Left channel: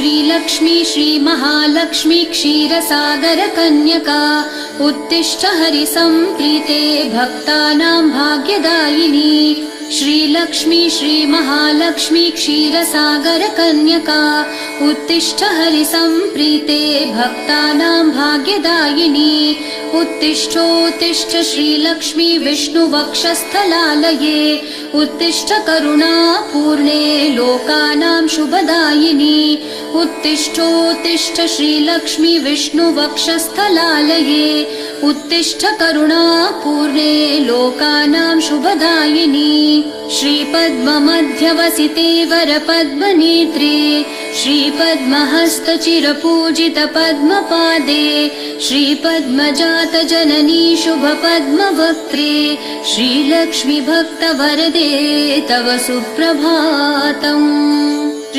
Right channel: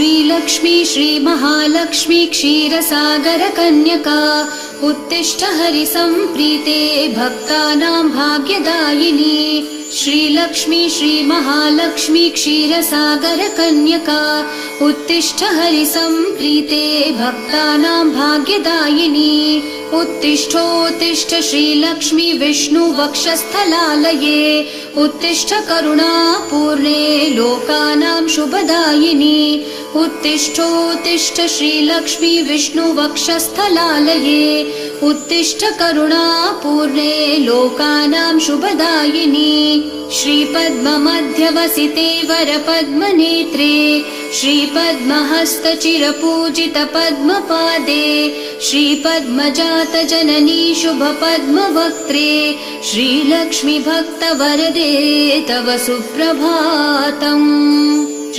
श्रीलक्ष्मी श्रीमहालक्ष्मी क्षीरसागरकन्यका उत्तिष्ठ हरिसम्प्रीते भक्तानां भाग्यदायिनी। श्रीलक्ष्मी श्रीमहालक्ष्मी क्षीरसागरकन्यका उत्तिष्ठ हरिसम्प्रीते भक्तानां भाग्यदायिनी। उत्तिष्ठोत्तिष्ठ श्रीलक्ष्मी विष्णुवक्षस्थलालये उत्तिष्ठ करुणापूर्णे लोकानां शुभदायिनी। उत्तिष्ठोत्तिष्ठ श्रीलक्ष्मी विष्णुवक्षस्थलालये उत्तिष्ठ करुणापूर्णे लोकानां शुभदायिनी। श्रीपद्ममध्यवसिते वरपद्मनेत्रे श्रीपद्महस्तचिरपूजितपद्मपादे श्रीपद्मजातजननी शुभपद्मवक्त्रे श्रीलक्ष्मी भक्तवरदे तव सुप्रभातम्।